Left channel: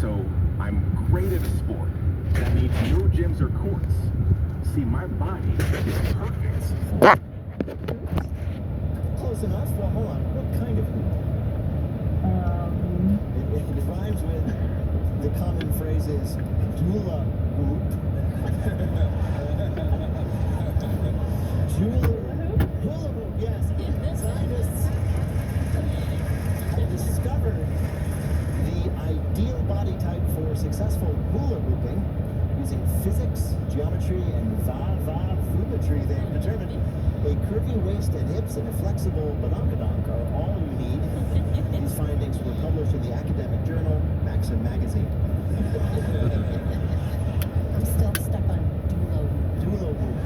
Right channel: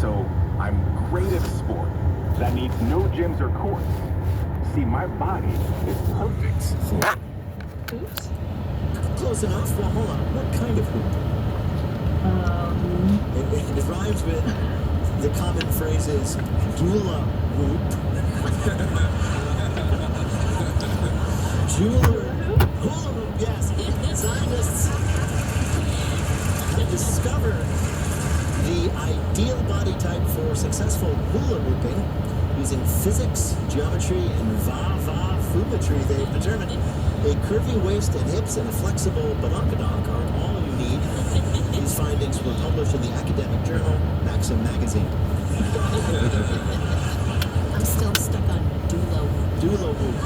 So I'm great at a sport. That means no gyms or courts. See, my body is perfect. Oops. Close enough. Well, hold on. What kind of hoop? It rhymes with the common phrases hula hoop, jeweler, hula hoop. Yes, scientists have discovered the ideal body type for successful hula hooping using physics, geometry, and va-va-fumetry. They've determined a curvy waist and hips and a flexible badonkadonk are all you need. These findings were published in the academic journal Maxim Magazine. I'm still stuck on Dulo. Doula whoop.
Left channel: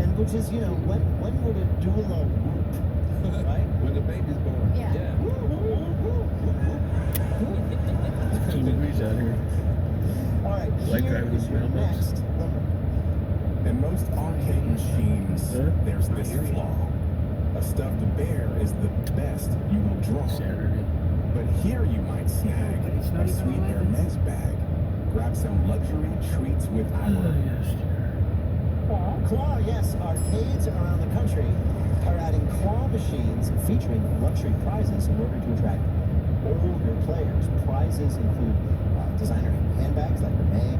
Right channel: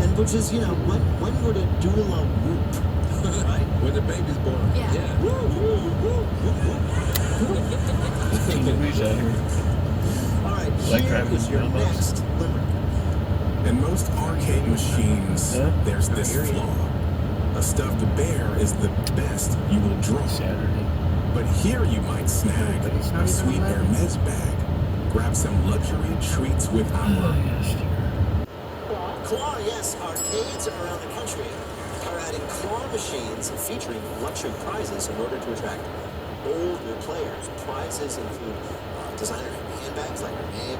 And which is, you know, when would a doula whoop? Right? When the baby's born. Yeah. Woo, woo, woo, woo, woo. 10 degrees out here. All right, Like here driving is your down those. next limerick. In most arcade machines, Huh? there's this flaw. A stuffed bear is the best you will draw. Saturday. But here you might snag a sweet Hermes bag. Grab some luxury treats with Oh, our yes, dear. Claw, yes, arcades around the country are adding claw machines featuring luxury prizes in order to attract older players. Prizes include designer handbags like Hermes,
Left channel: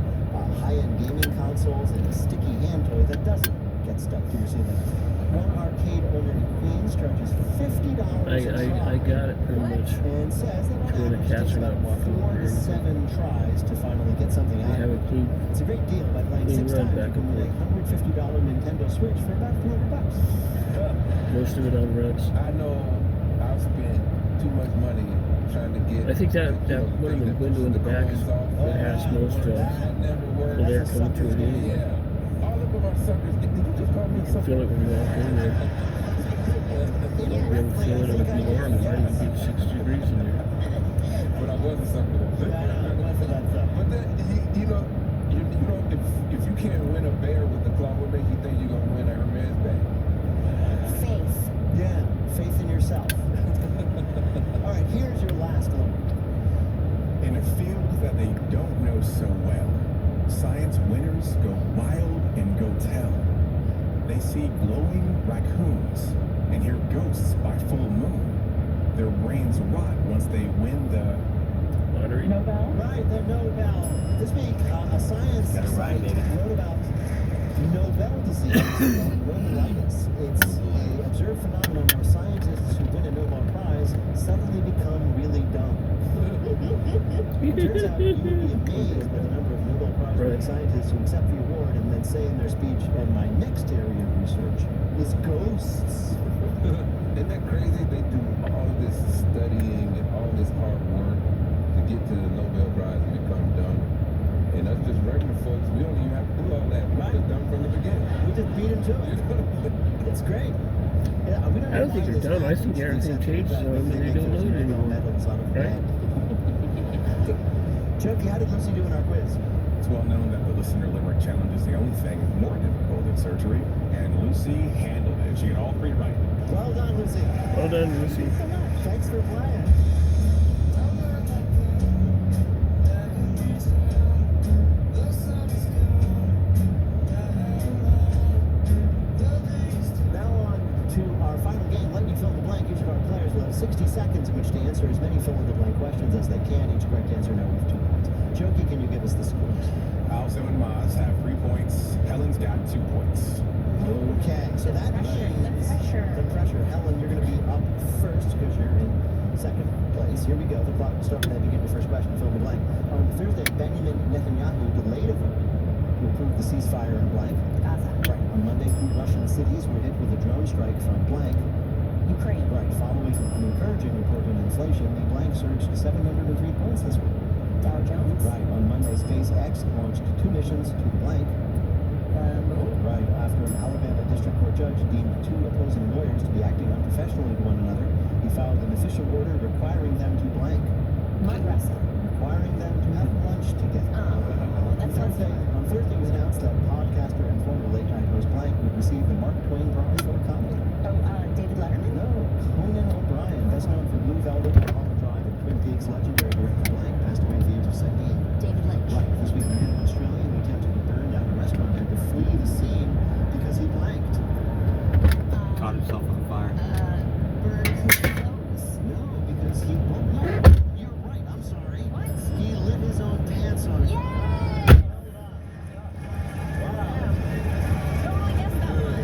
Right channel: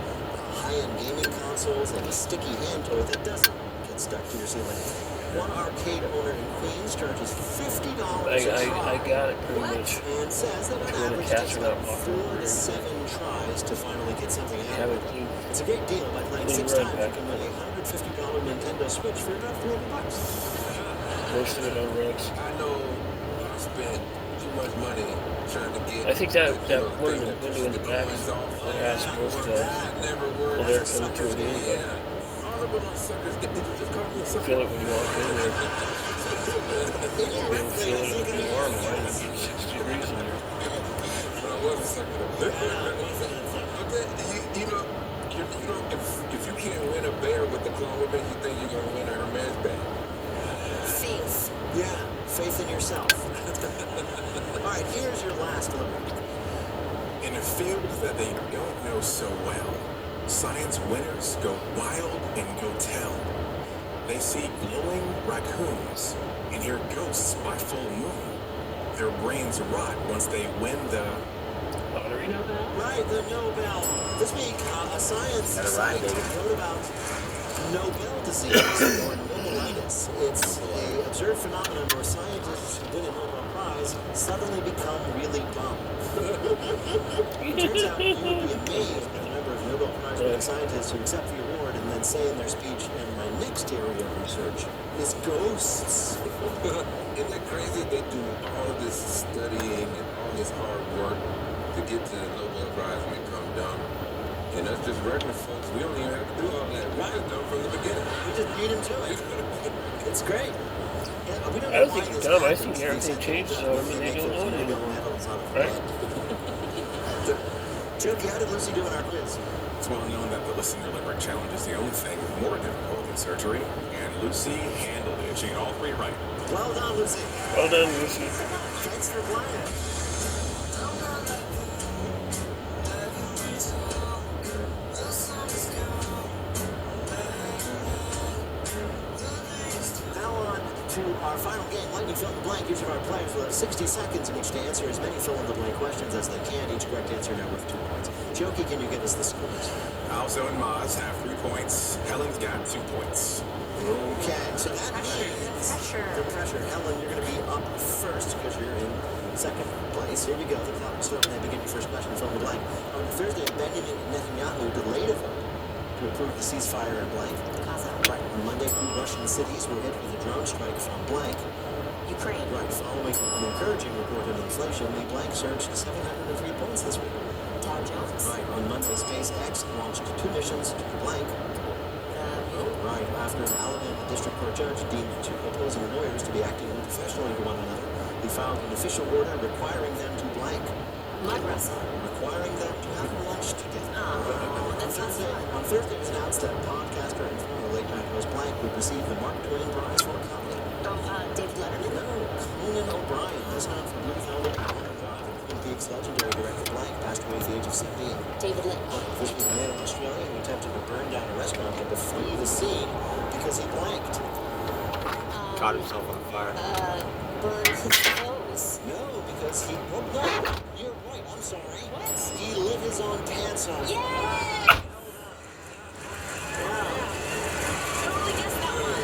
high-end gaming consoles, and a sticky hand toy that doesn't get stuck to your ceiling. One arcade owner in Queens charges $50 a try. I got it pretty much. And says that on When the average it cats takes are not about walking 4 over to 7 tries to finally get something They out have of it it. clean. It's a great deal. By playing Clean 6 run times, you back can and win a $150 Nintendo Switch for about $300. Most of it on rugs. I know I spent too much money trying to get. I think that you know, one in the thing window in the back coins off. that has most That never worked. well, they're coming to it anyway. Yeah. All of them are suckers. Did you just call me a sucker? Feel it when you walk in there. You'll be able to feel it it'll be warm. It might even get 6 degrees in there. But I was a sucker though. But then, you know, if you can't win a bear with the claw, what makes you think you're gonna win a Hermes bag? Faith. Yeah, faith in yourself. All right, here's your last limerick. In a field that they don't know so well, science winners go wild and go tell. They see glowing raccoons and hear ghosts by full moon. Their brains rot once they win the Lottery. Right, the Nobel. This week, a science site wrote about Nobel disease or Nobelitis. It's an observed phenomenon where scientists who win a Nobel Prize suddenly become really dumb. It turns out you would be amazed by the number of Nobel Prize-winning scientists who accept the award and then say in their speech, and my next area of research is ghosts. Isn't that crazy? They do all this studying and all this hard work to get to the Nobel Prize and become dumb. And us just regular folks, we don't even have to do all that. We're just dumb from the beginning. We just beat him to it. It's great. Yeah, we I don't think they're dumb. I think everything changes on them and they don't know it anymore. Right? Jokey, how did Lucy do in our quiz? It's well known that the listener limerick challenge is the only thing more difficult than surgery, and Lucy handled it. She got all 3 right. Well done, Lucy. Well done, Lucy. Thanks for playing. Now on to our final game, Lightning Fill in the Blank. Each of our players will have 60 seconds in which to answer as many fill-in-the-blank questions as they can. Each correct answer now worth 2 points. Jokey, can you give us the scores? Alzo and Maz have 3 points. Helen's got 2 points. Okay, so that means Pressure. the pressure. Helen, you're going to be up first because you're in second place. Here you go. The clock will start when they begin your first question. Fill in the blank. On Thursday, Benjamin Netanyahu delayed a vote to approve the ceasefire in blank. Gaza. Right. On Monday, 2 Russian cities were hit with a drone strike from blank. Ukraine. Right. Following an encouraging report on inflation, the blank surged 703 points this week. Dow Jones. Right. On Monday, SpaceX launched 2 missions to the blank. Right. After an Alabama district court judge deemed 2 opposing lawyers to be acting unprofessionally to one another, he filed an official order requiring them to blank. Mud wrestle. Requiring them to have lunch together. Oh, that sounds fun. On Thursday, it was announced that podcaster and former late-night host blank would receive the Mark Twain Prize for comedy. Oh, David Letterman. No, Conan O'Brien, best known for Blue Velvet, Mulholland Drive, and Twin Peaks legendary director blank, passed away at the caught himself on fire. Burn his clothes. No, because he. No, you're right. I'm sorry. What? He lit his own pants on. Yeah! Wow. Totally guessed that one.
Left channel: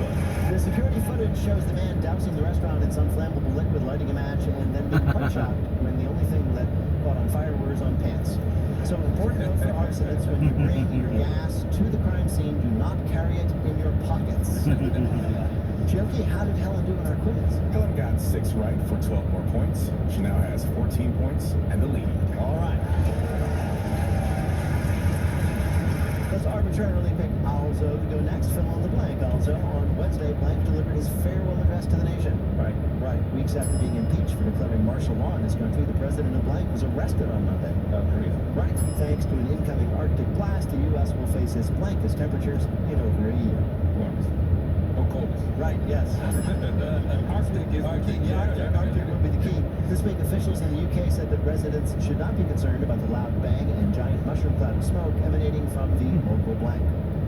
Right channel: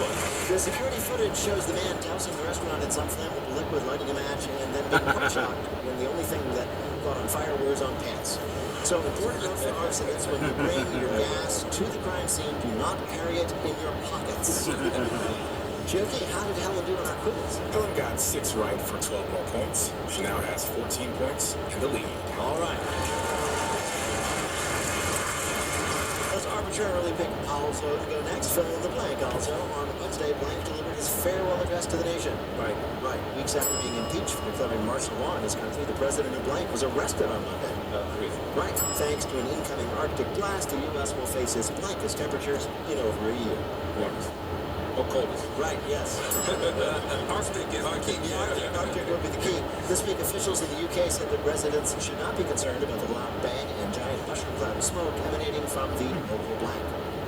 Yeah. The security footage shows the man dousing the restaurant in some flammable liquid, lighting a match, and then being quite shocked when the only thing that caught on fire were his own pants. So, important note for arsonists: when you bring your gas to the crime scene, do not carry it in your pockets. Jokey, how did Helen do on our quiz? Helen got 6 right for 12 more points. She now has 14 points and the lead. All right. Let's arbitrarily pick Also to go next. Fill in the blank. Also, on Wednesday, Blank delivered his farewell address to the nation. Right. Right. Weeks after being impeached for declaring martial law in his country, the president of Blank was arrested on Monday. Crazy. Right. Thanks to an incoming Arctic blast, the U.S. will face its blankest temperatures in over a year. Warmest. Or coldest. Right, yes. Arctic is the key. Arctic would be the key. This week, officials in the UK said that residents should not be concerned about the loud bang and giant mushroom cloud of smoke emanating from the local blank.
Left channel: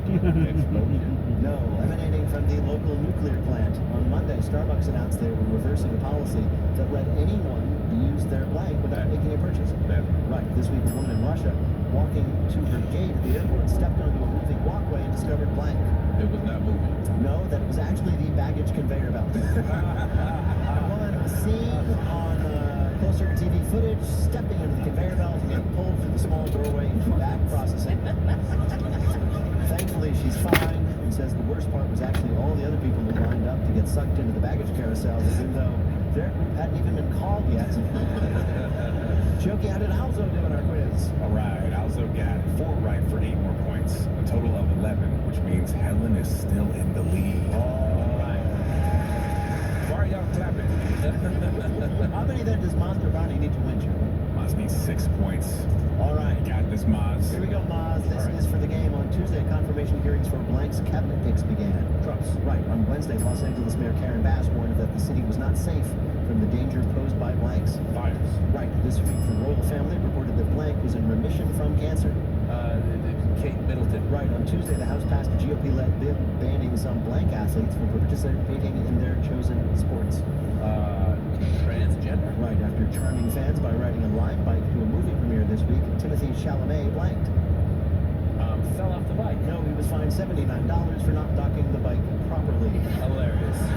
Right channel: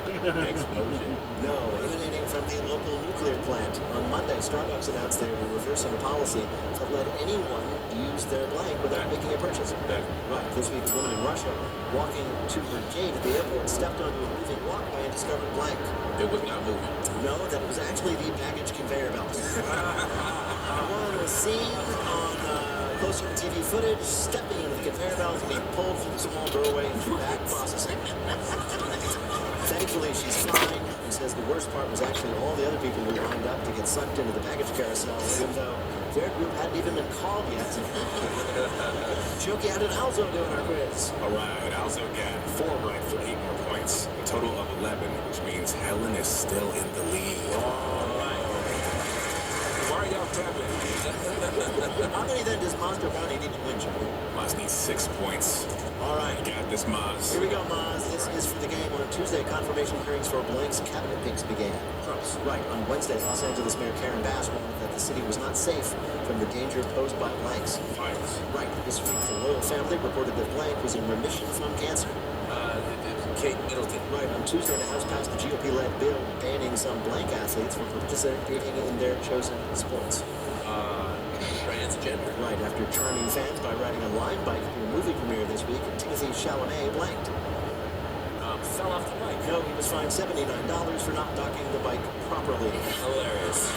Explosion. No, emanating from the local nuclear plant. On Monday, Starbucks announced they were reversing a policy that let anyone use their blank without making a purchase. Right, this week, a woman in Russia walking to her gate at the airport stepped onto a moving walkway and discovered blank. It was not moving. No, that was actually the baggage conveyor belt. One was seen on close-up TV footage, stepping into the conveyor belt and being pulled through the small doorway into back processing. Thankfully, she's fine. He says the worst part was actually all the other people who lined up to get sucked into the baggage carousel, even though their group hadn't even been called yet. Jokey, how did Alzo do in our quiz? All right, Alzo got 4 right for 8 more points. A total of 11, which means Helen is still in the lead. All right. Why are y'all tapping? How many then does Monster Bounty need to win, Joey? Maz needs 6 points. All right. Got this, Maz. Here we go, Maz. This is for the game. On Tuesday, confirmation hearings for Blank's cabinet picks began. Close. Right. On Wednesday, Los Angeles Mayor Karen Bass warned that the city was not safe from the danger posed by Blanks. Violence. Right. This week, the royal family reported that Blank was in remission from cancer. Kate Middleton. Right. On Tuesday, the House passed a GOP-led bill banning some Blank athletes from participating in their chosen sports. Transgender. Right. After charming fans by riding a line bike to a movie premiere this week, Timothy Chalamet blanked. Fell off the bike. No, he was fined $79 for not docking the bike properly. Hilarious.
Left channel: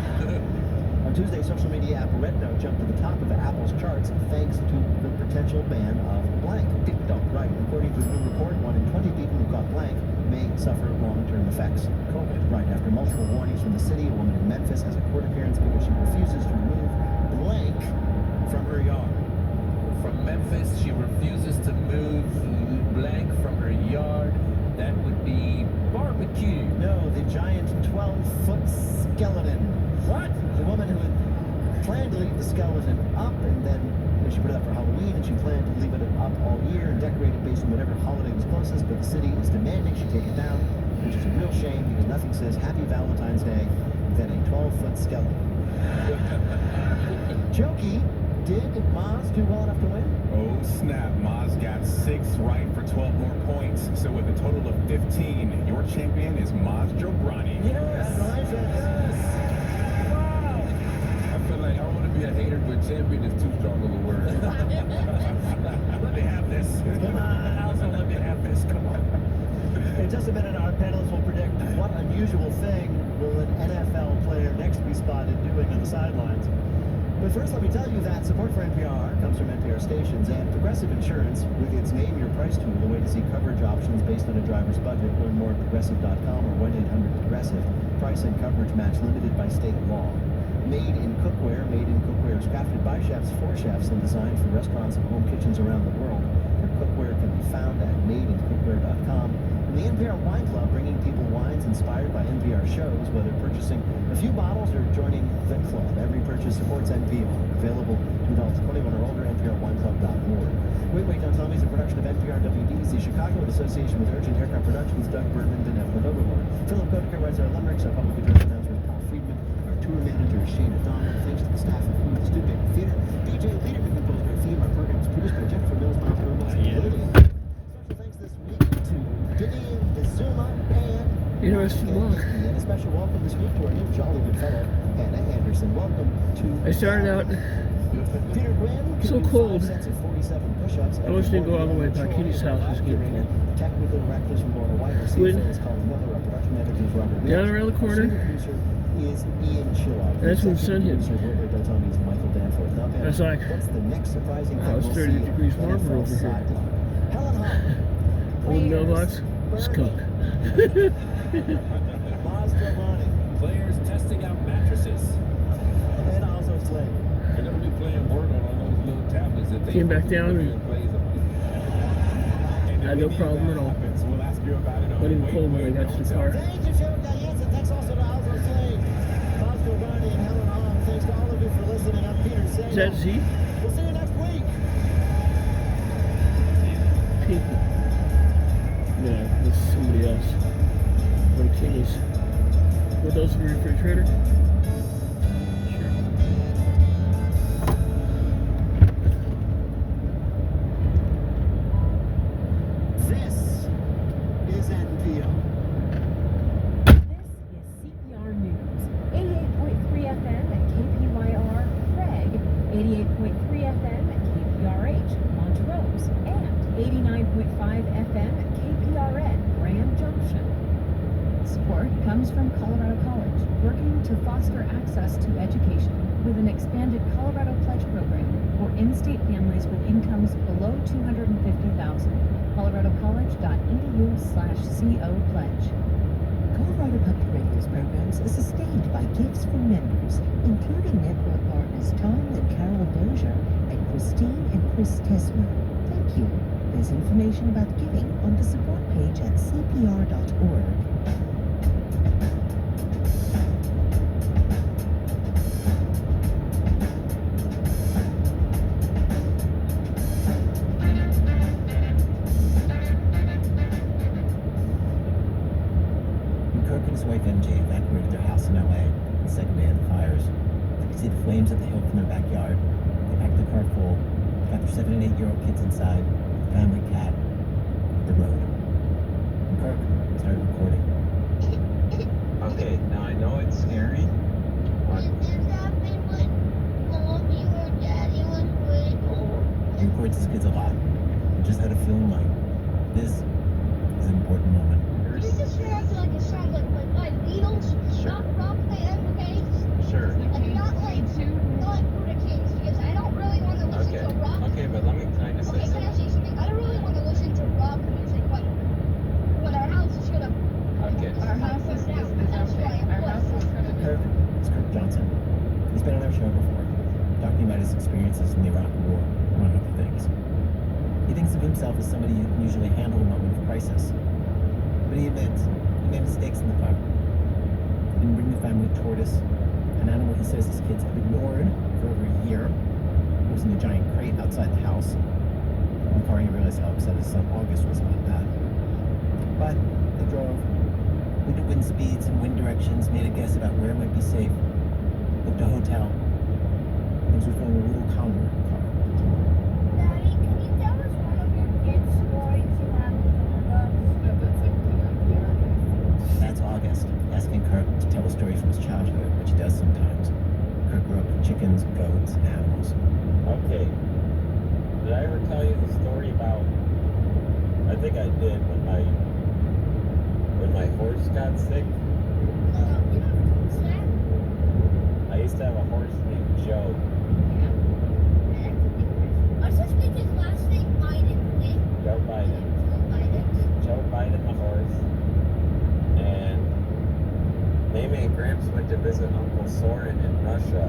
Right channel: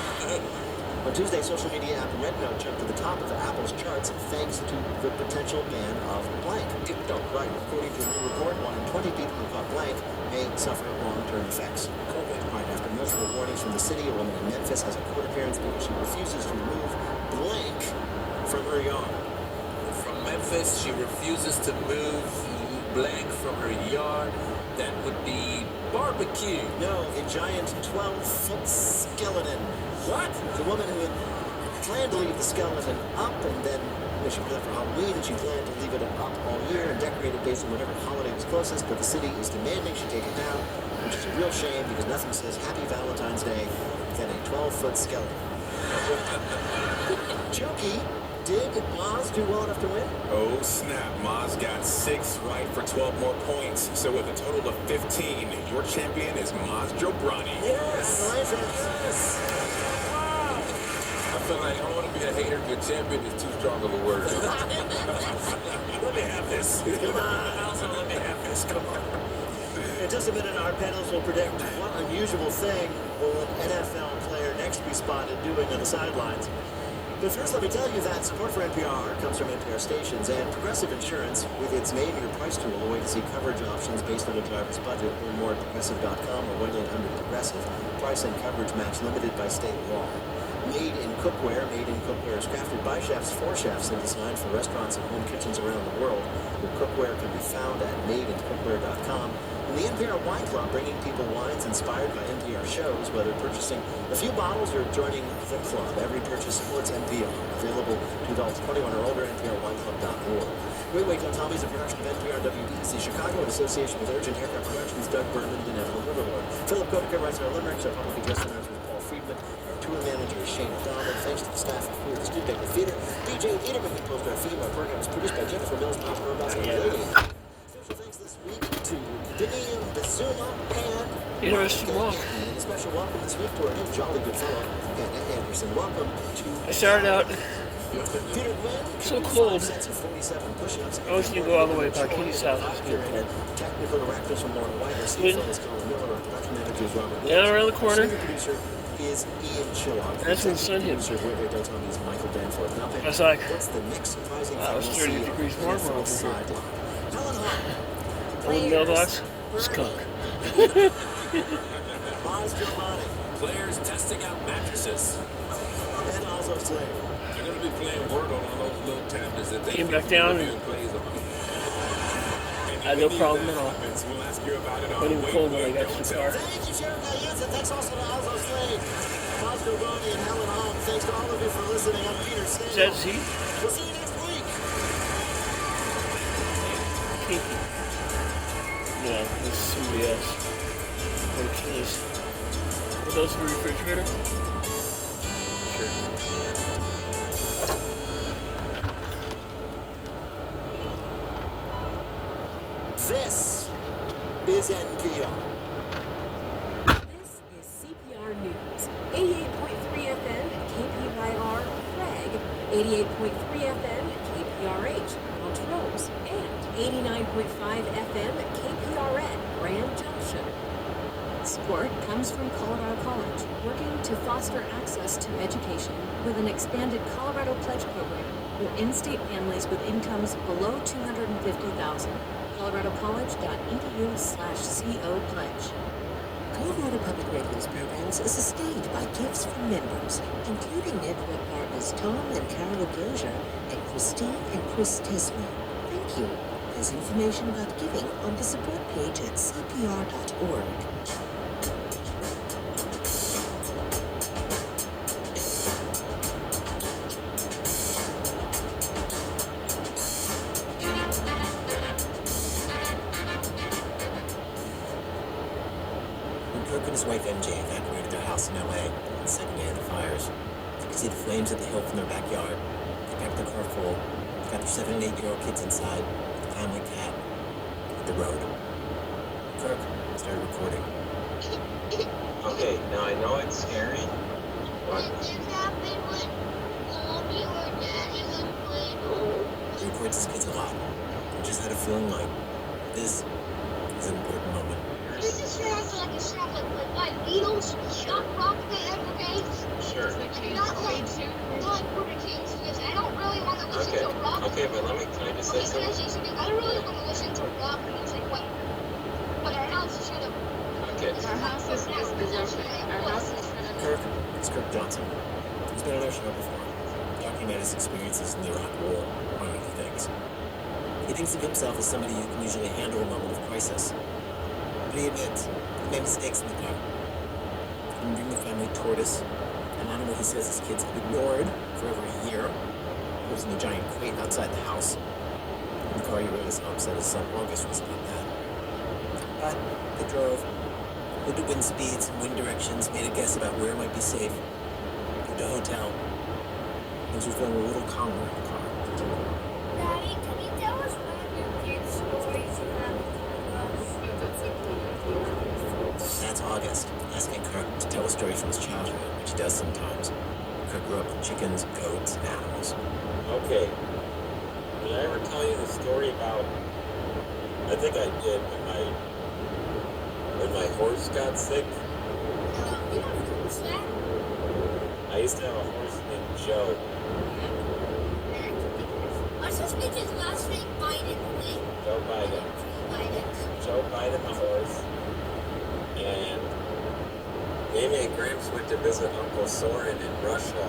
On Tuesday, social media app Rednote jumped to the top of Apple's charts thanks to the potential ban of blank. TikTok. Right. According to a new report, 1 in 20 people who got blank may suffer long-term effects. COVID. Right. After multiple warnings from the city, a woman in Memphis has a court appearance because she refuses to remove blank from her yard. From Memphis, she refuses to move blank from her yard. That would be barbecue. No, the giant 12-foot skeleton. What? The woman who had planned to leave the skeleton up, and then she put it up for Halloween, and she planned to leave it up all year and decorate it based on whatever holiday was closest, but the city is demanding she take it down, which is a real shame because nothing says Happy Valentine's Day than a 12-foot skeleton. Jokey, did Maz do well enough to win? Oh, snap. Maz got 6 right for 12 more points. So with a total of 15, your champion is Maz Jobrani. Yes! Yes! I feel like I want to be a hater, but champion is too strong of a word. Let me have this. Come on, Alzo, let me have this. Come on. In just a minute, our panelists will predict what unusual thing will an NFL player next be spotted doing on the sidelines. But first, let me tell you that support for NPR comes from NPR stations and Progressive Insurance with its Name Your Price tool, a way to see coverage options based on a driver's budget. Learn more at progressive.com or 1-800-PROGRESSIVE. Price and coverage match limited by state law. Made in Cookware. Made in Cookware is crafted by chefs for chefs and designed for restaurants and home kitchens around the world. Your cookware can be found at madeincookware.com. And the NPR Wine Club, bringing people wines inspired by NPR shows, whether purchasing a few bottles or joining the club. Every purchase supports NPR. Available to adults 21 or older, nprwineclub.org. Wait, Don't Tell Me is a production of NPR WBC Chicago in association with Urgent Haircut Productions, Doug Berman, and Inevitable Overlord. Philip Kotiker writes our limericks. Our public address announcer is Paul Friedman. Our tour manager is Shane Donald. Thanks to the staff of Food Studio Theater. DJ Peterman composed our theme. Our program is produced by Jennifer Mills, Special thanks this week to Billy Bizuma and Interesting walk. And a special welcome this week to our new jolly good fellow, Anna Anderson. Welcome to... I started out Peter Glenn, so cold. sets of 47 push-ups. I was going to go all the way back. Katie's house was getting cold. Technical directors from Laura White, our CFO is Colin Miller, our production manager is Robert Down Lynch. around the corner. Senior producer is Ian Chillock. That's when sun hit. Producer Jorge Dotoni is Michael Danforth. Now, I was like, what's the next surprising wow, it's thing 30 we'll see degrees on the warmer NFL over here. sideline? Helen Hunt. Old mailbox, skunk. Miles Giovanni. Players testing out mattresses. And also Slade. They're going to be playing Word on those little tablets that they Came back down and plays on. I had no problem at all. We'll ask you about it on Wasn't even the cold way. when I got to the car. Thank you, Sheriff Gallagher. Thanks also to Alzo Slade, Miles Giovanni, and Helen Hunt. Thanks to all of you for listening. I'm Peter Sagal. Is that Z? We'll see you next week. Pinky. No, this is somebody else. Or Achilles. Were those for refrigerator? Sure. This is NPR. This is CPR News. 88.3 FM at KPYR Craig, 88.3 FM at KPRH Montrose, and 89.5 FM at KPRN Grand Junction. Support comes from Colorado College, working to foster access to education with an expanded Colorado Pledge program for in-state families with incomes below $250,000. coloradocollege.edu/co pledge. Colorado Public Radio's programs are sustained by gifts from members, including network partners Tom and Carol Brozier and Christine and Chris Tesman. Thank you. There's information about giving on the support page at cpr.org. When Kirk and his wife MJ evacuated their house in LA on the second day of the fires, you could see the flames at the hill from their backyard. They packed their car full, got their 7 and 8-year-old kids inside, with the family cat, hit the road. And Kirk started recording. Okay, now I know it's scary, but He records his kids a lot. He just had a feeling like this is an important moment. This just sounds like a song like Beatles, not rock they ever made. sure. Like not like Border Kings, because I don't really want to listen Okay, to rock. okay, but can I just say Okay, can I something? say something? I don't really want to listen to rock music when our house is gonna Okay, our house is down. That's why our house is gonna Kirk is Kirk Johnson. He's been on our show before, talking about his experiences in the Iraq War, among other things. He thinks of himself as somebody who can usually handle a moment of crisis. But he admits he made mistakes in the car. He didn't bring the family tortoise, an animal he says his kids have ignored for over a year. It was in a giant crate outside the house. In the car, he realized how upset his son August was about that. But they drove, looked at wind speeds and wind directions, made a guess about where it might be safe, booked a hotel. Things were feeling a little calmer in the car. Daddy, can you tell us one of your kids' stories you have with us? That's August, asking Kirk to tell a story from his childhood, which he does sometimes. Kirk grew up with chickens, goats, and animals. okay. Did I ever tell you the story about, I think I did, when my horse got sick? Who's that? I used to have a horse named Joe. What's this bitch's last name? Biden, right? Joe Biden. Biden. Joe Biden, the horse. And Amy and Gramps went to visit Uncle Soren in Russia.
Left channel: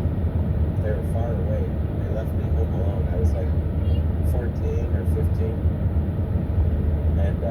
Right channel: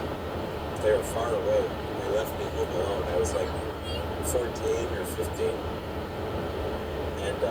They were far away. They left me home alone. I was like 14 or 15. And